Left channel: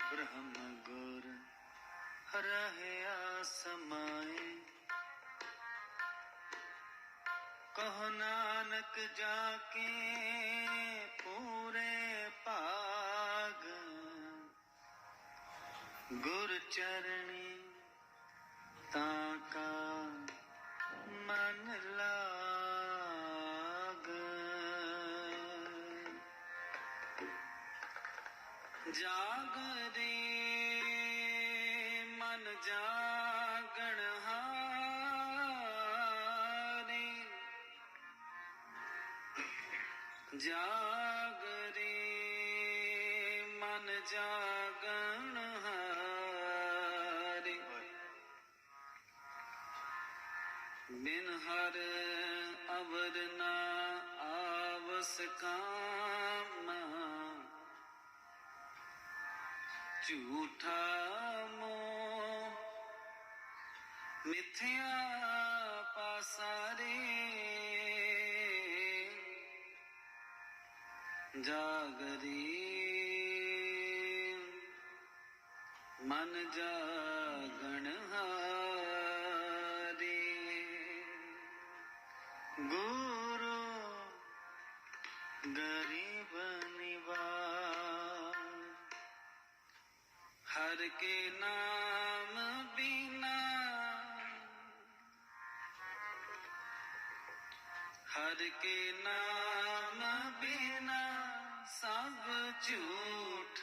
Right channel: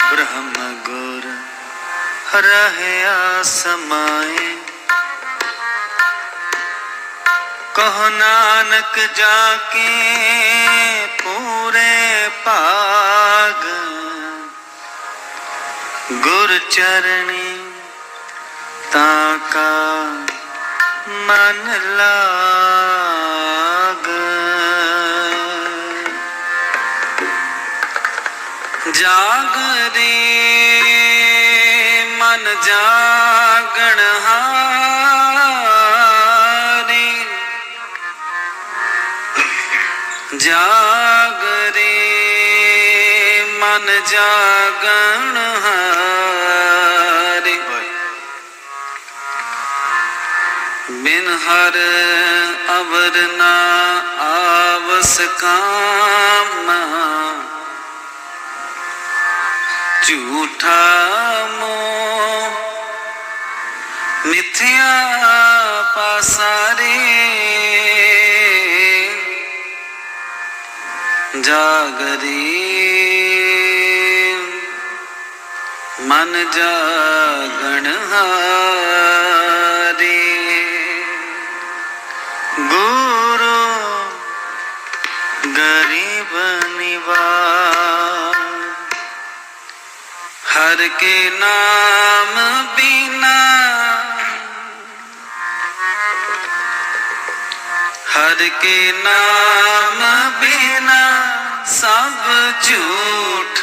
ਬ੍ਰਹਮ ਗੁਰ ਰਹਿਆ ਸਮਾਏ ਕਹ ਨਾਨਕ ਜਾ ਕੇ ਪੂਰੇ ਭਾਗ ਗੁਰ ਚਰਣੀ ਤਾ ਕਾ ਮਨ ਲਾਗ ਜਾਗਦੇ ਮਨ ਜਾਗਣ ਹਾਰੀ। ਜਾਗਰੇ ਮਨ ਜਾਗਣ ਹਾਰੇ। ਬਿਨ ਹਰ ਅਵਰ ਨਾ ਆਵਸ ਕਾਮ। ਝੂਠਾ ਮੋਹ। ਮਿਥਿਆ ਪਾਸਾਰੇ ਜਾਗਰੀ ਮਨ ਜਾਗਣ ਹਾਰੀ। ਹਰ ਕੇ ਨਾਮ ਬਿਨਾ ਹਰ ਕੇ ਨਾਮ ਬਿਨਾ ਸਭ ਝੂਠ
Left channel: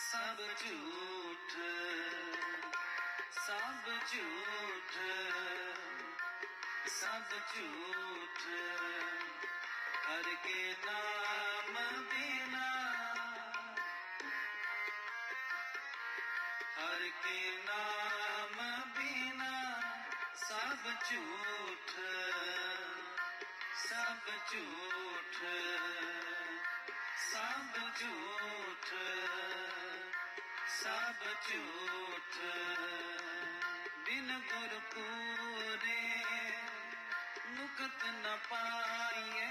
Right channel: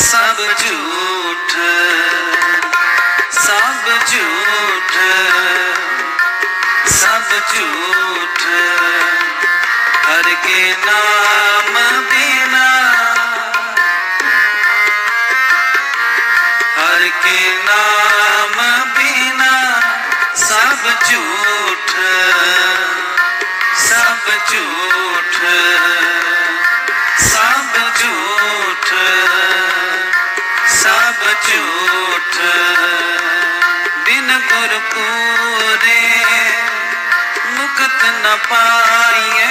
ਸਭ ਝੂਠ ਸਭ ਝੂਠ ਸਭ ਝੂਠ ਹਰ ਕੇ ਨਾਮ ਬਿਨਾ ਸਭ ਝੂਠ ਸਭ ਝੂਠ ਸਭ ਝੂਠ ਸਭ ਝੂਠ। ਬਿਨ ਗੁਰ ਪੂਰੇ ਮੁਕਤ ਨ ਪਾਈਏ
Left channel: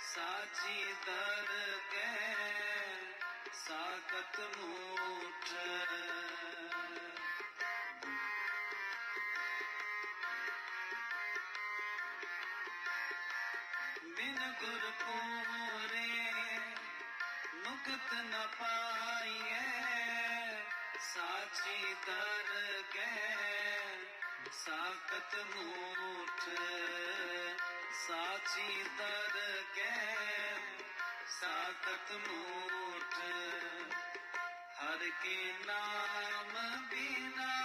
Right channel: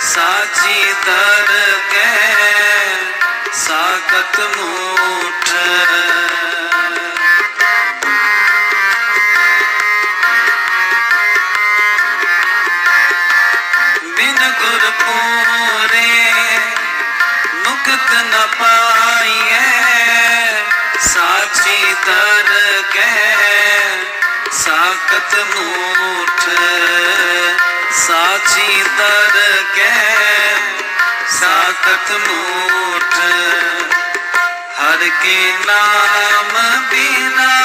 ਸਾਚੀ ਦਰਗਹਿ ਸਾਖਤ ਮੂਠ। ਮੁਕਤ ਨ ਪਾਈਐ। ਸਾਚੀ ਦਰਗਹਿ ਸਾਖਤ ਮੂਠ। ਸਾਚੀ ਦਰਗਹਿ ਸਾਖਤ ਮੂਠ। ਹਰ ਕੇ ਨਾਮ ਬਿਨਾ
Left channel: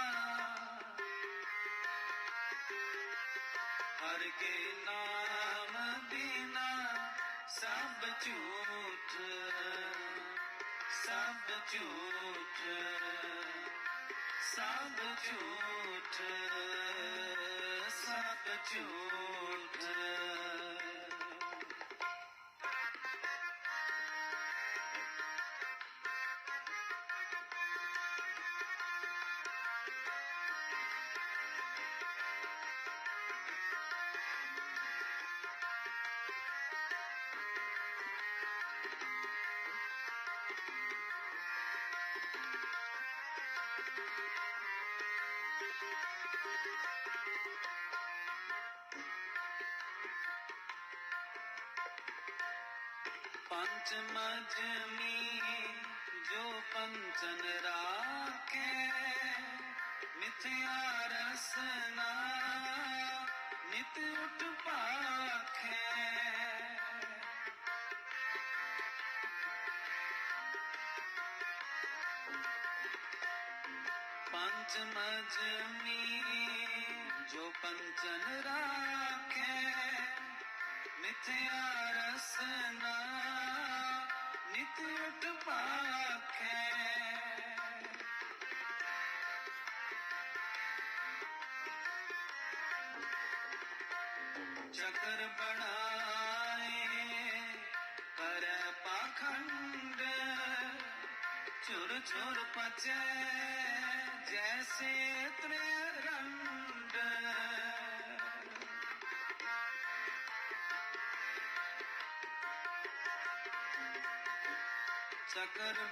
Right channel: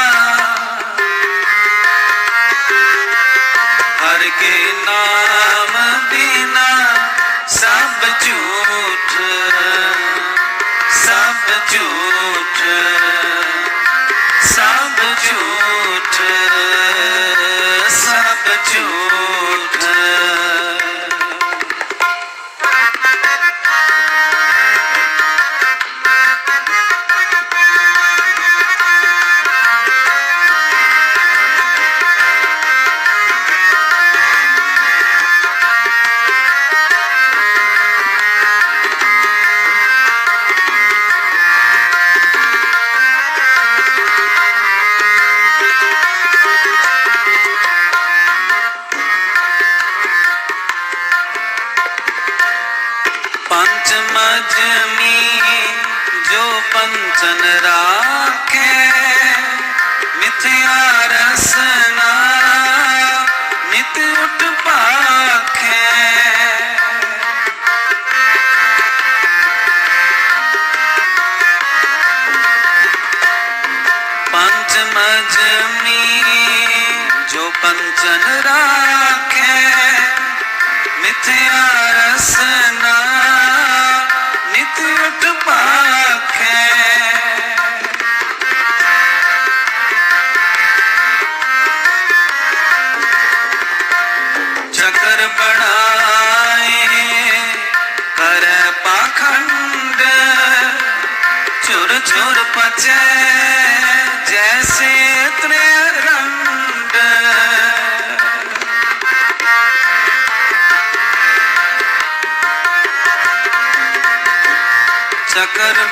वचन रा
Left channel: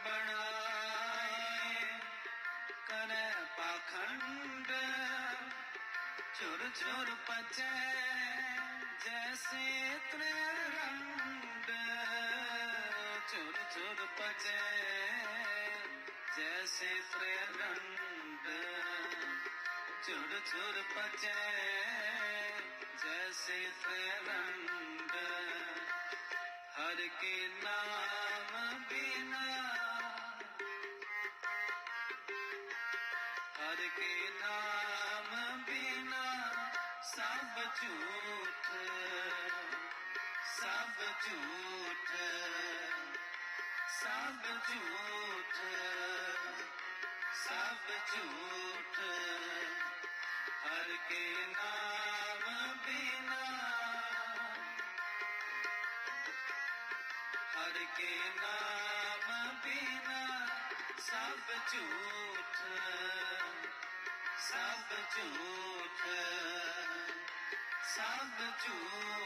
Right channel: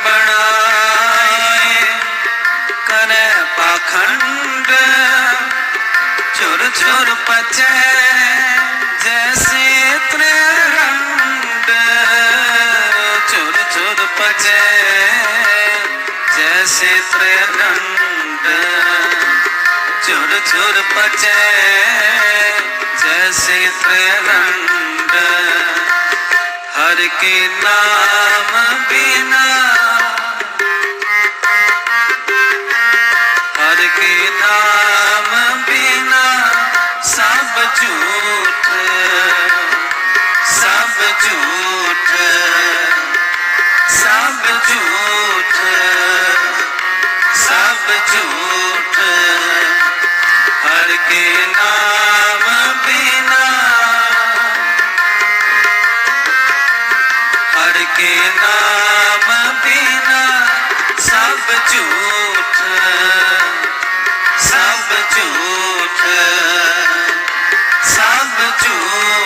ਬਣਾਏ। ਕਰੇ ਪਾਖੰਡ ਚੁਰ ਚੁਰ ਪਚੈ, ਜੈਸੇ ਤ੍ਰਿਰੰਡ ਚੁਰ ਚੁਰ ਪਚੈ, ਜੈਸੇ ਤ੍ਰਿਰੰਡ ਚੁਰ ਚੁਰ ਪਚੈ, ਜੈਸੇ ਤ੍ਰਿਰੰਡ ਹਰ ਕੇ ਨਾਮ ਬਿਨਾ ਸਭ ਝੂਠ ਸਭ ਝੂਠ ਸਭ ਝੂਠ।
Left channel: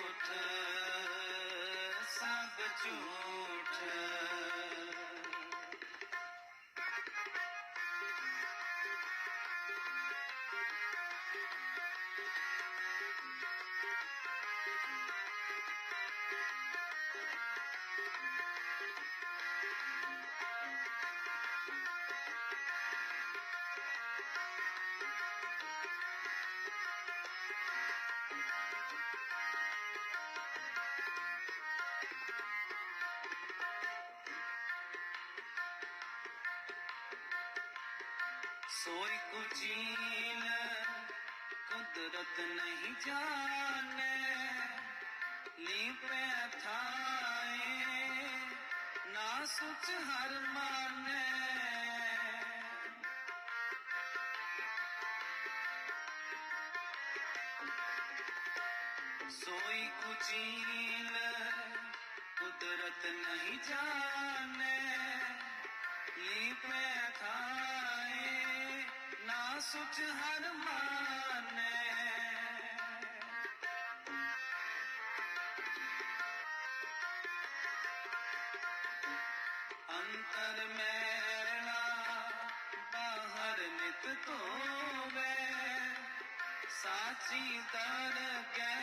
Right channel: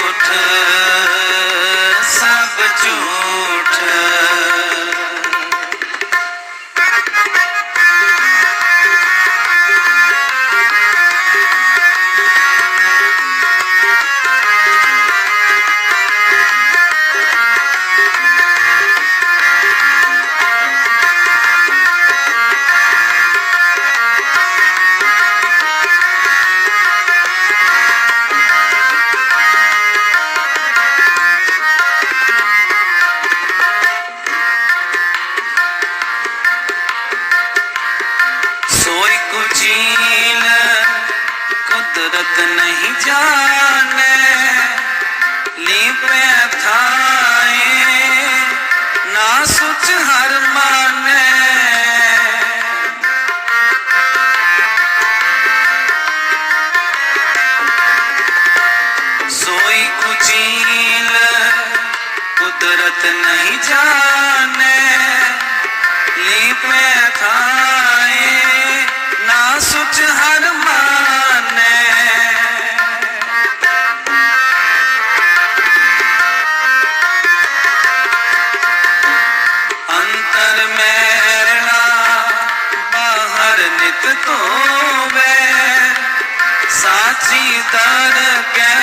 ਤਾਰ ਕੇ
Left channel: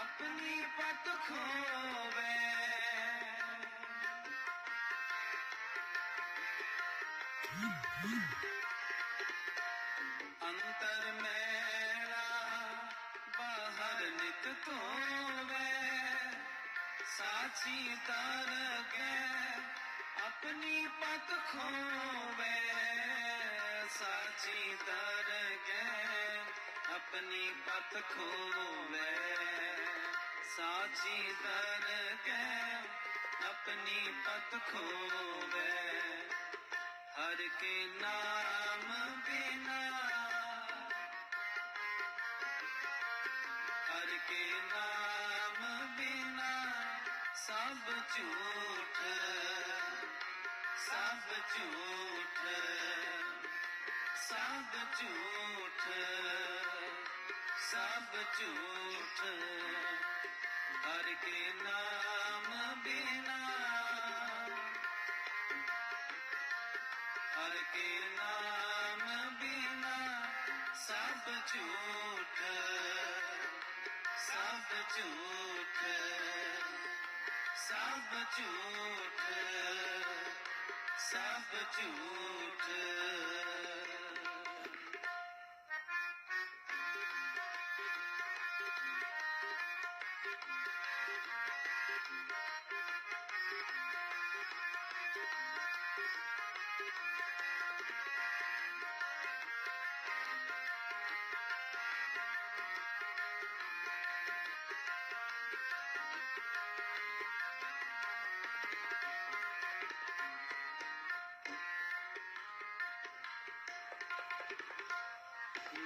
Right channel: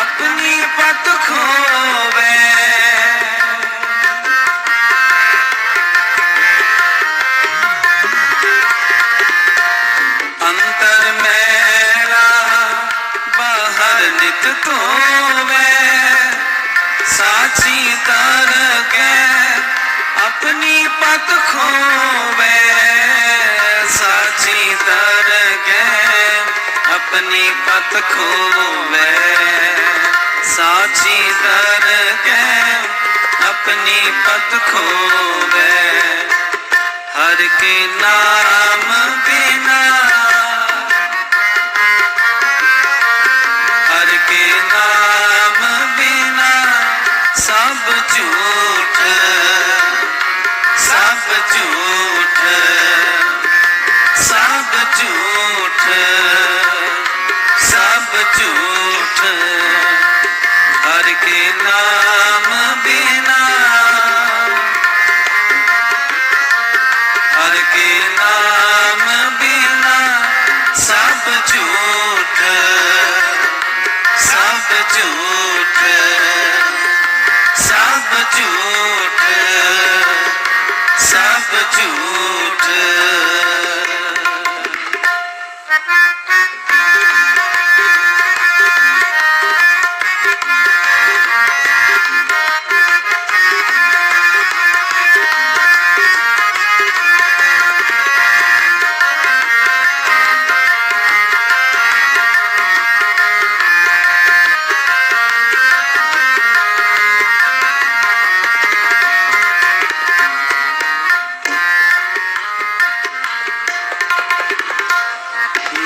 ਆਪਣੀ ਪਤ ਖੋਵੇ। ਅੰਤਰ ਮੇਰਾ ਬਾਹਰ ਨਿਤ ਧੋਵੇ। ਸਾਚੀ ਤਾਰ ਕੇ ਆਪਣੀ ਪਤ ਖੋਵੇ। ਆਪਣੀ ਪਤ ਖੋਵੇ। ਸਾਚੀ ਦਰ ਕੇ ਆਪਣੀ ਪਤ ਖੋਵੇ। ਹਰ ਕੇ ਨਾਮ ਬਿਨਾ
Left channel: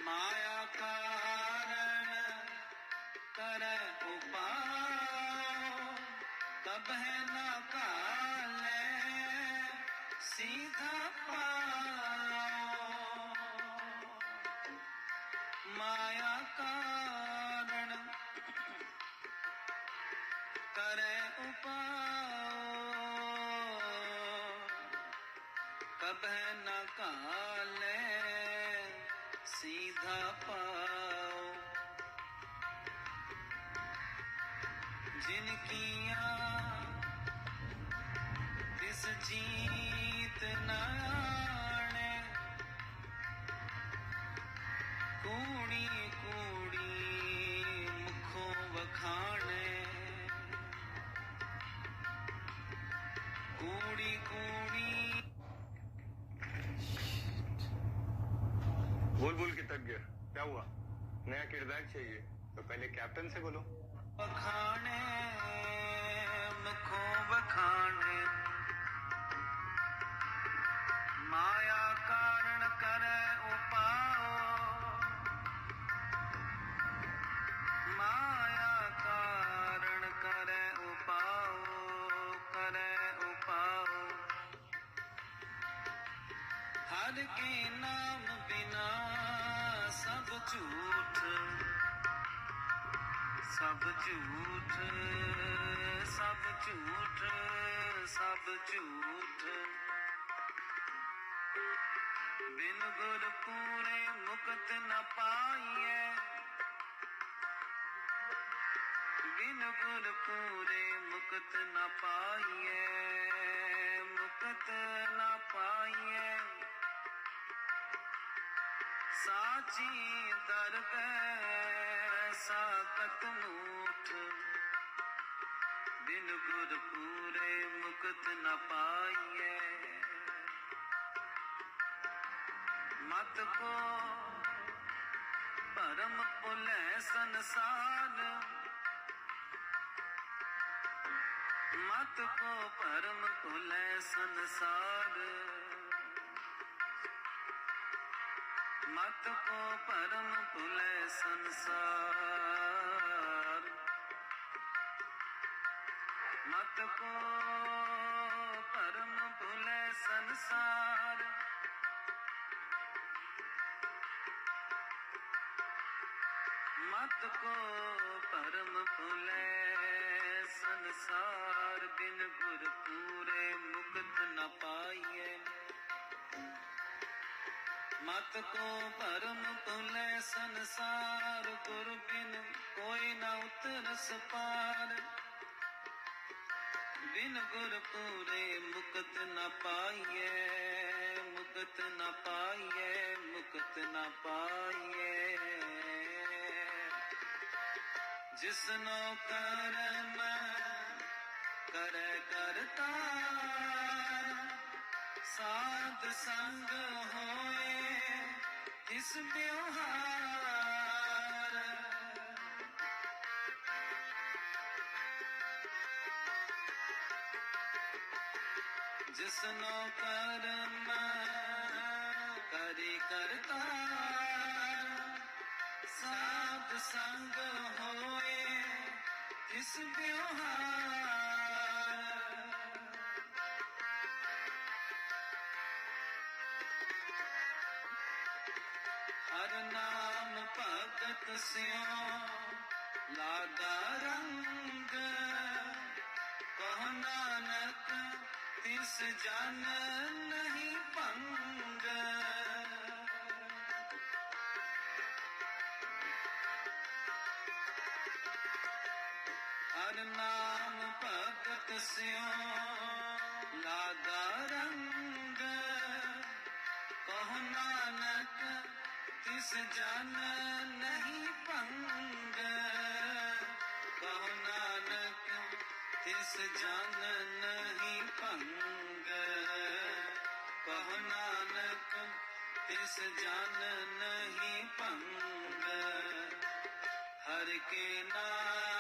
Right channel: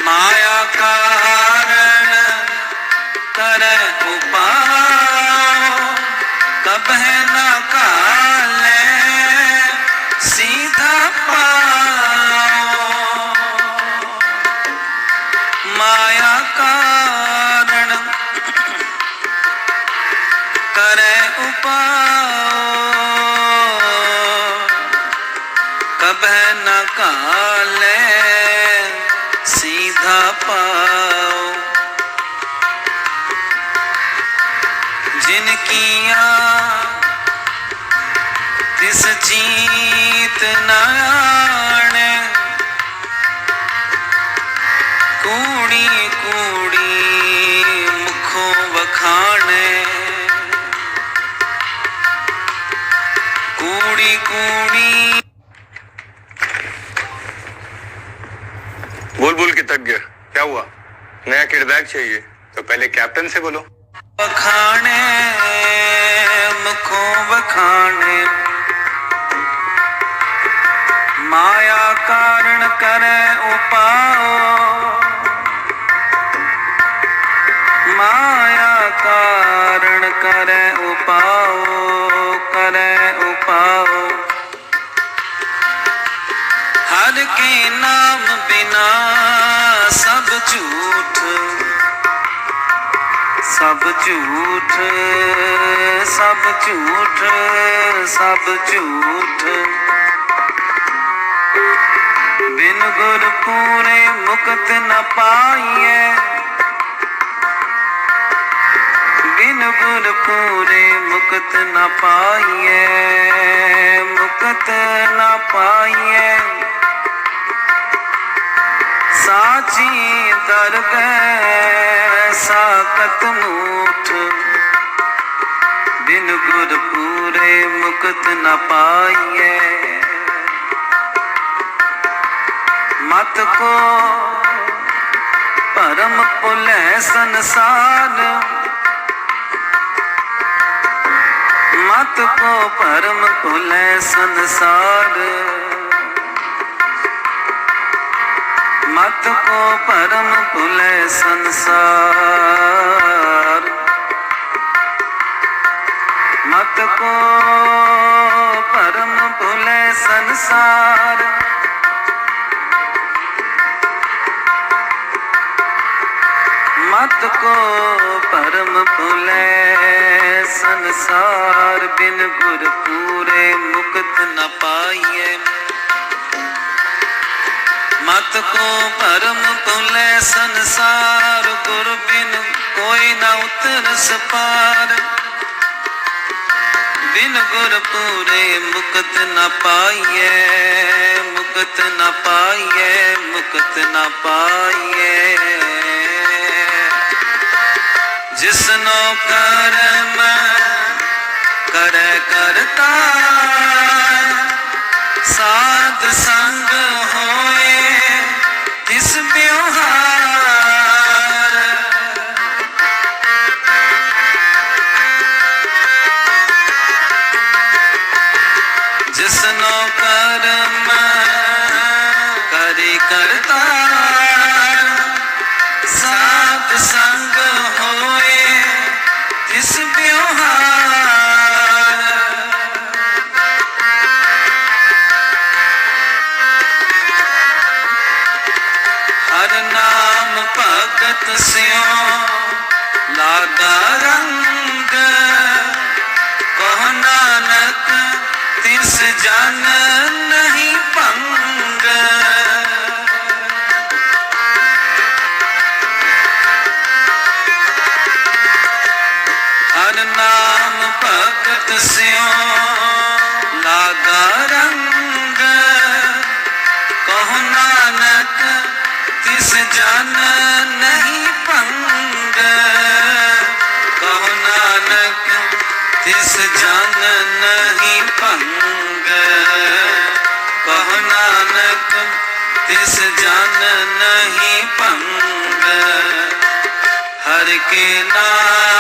ਮਾਇਆ ਕਾਰਨ ਤਰੈ ਉਪਾਉ ਕਬਹਿ ਸੀਧਾ ਪਾਉ ਮਾਇਆ ਕਾਰਨ ਕਰੈ ਉਪਾਉ ਕਬਹਿ ਨਾ ਕਾਲੇ ਸੁਖ ਪਾਓ। ਜਿਨ ਕੀਆ ਤਿਸ ਜੀਤ ਨਾ बोल बोल के थक गया। क्या हुआ? नया किरदार चाहिए। तो पहले कैप्टन से बोलो। बखाने, मुखों बखाने। माया कारण करे उपाओ। माया कारण करे उपाओ करे उपाओ। ਹਰ ਕੇ ਨਾਮ ਬਿਨਾ ਸਭ ਝੂਠ ਸਭ ਝੂਠ ਸਭ ਝੂਠ ਸਭ ਝੂਠ ਬਿਨ ਗੁਰ ਪੂਰੇ ਮੁਕਤ ਨ ਪਾਈਏ ਬਿਨ ਗੁਰ ਪੂਰੇ ਮੁਕਤ ਨ ਪਾਈਏ ਮੁਕਤ ਨ ਪਾਈਏ ਜੀ ਦਰ ਗਏ ਸਾਕਤ ਮੂਠ ਬਿਨ ਗੁਰ ਪੂਰੇ ਮੁਕਤ ਨ ਪਾਈਏ। ਮਤ ਕੋ ਪਰਮ ਭੁਲੇ ਸੰਸਾਰ। ਮਤ ਕੋ ਪਰਮ ਭੁਲੇ ਸੰਸਾਰ। मत को परम पुलै संसार मत को परम पुलै संसार मत को परम पुलै संसार बिन गुर पूरे मुक्त न पाइए ਮਤ ਕੋ ਭਰਮ ਤੁਲੇ ਸੰਸਾਰ, ਗੁਰ ਬਿਨ ਕੋਈ ਨਾ ਉਤਰ ਸਪਾਰ। ਬਿਨ ਗੁਰ ਪੂਰੇ ਮੁਕਤ ਨਾ ਪਾਈਏ ਮੁਕਤ ਨਾ ਪਾਈਏ ਮੁਕਤ ਨਾ ਪਾਈਏ ਜਿਸਨੋ ਕਰਮ ਕਰੇ ਕਰਤਾ, ਸਾਧ ਸੰਗ ਹੋ ਹਰ ਨਾਮ ਭਗਤ ਸਿਉ ਲਾਗਾ ਰੰਗ, ਕਹ ਨਾਨਕ, ਤਿਸ ਜਨ ਨਹੀਂ ਭੰਗ। ਹਰ ਨਾਮ ਭਗਤ ਸਿਉ ਲਾਗਾ ਰੰਗ, ਕਹ ਨਾਨਕ ਤਿਸ ਨਹੀਂ ਭੰਗ, ਕਹੋ ਨਾਨਕ ਤਿਸ ਜਨ ਨਹੀਂ ਭੰਗ, ਕਹੋ ਨਾਨਕ ਤਿਸ ਜਨ ਨਹੀਂ ਭੰਗ। ਹਰ ਕੇ ਨਾ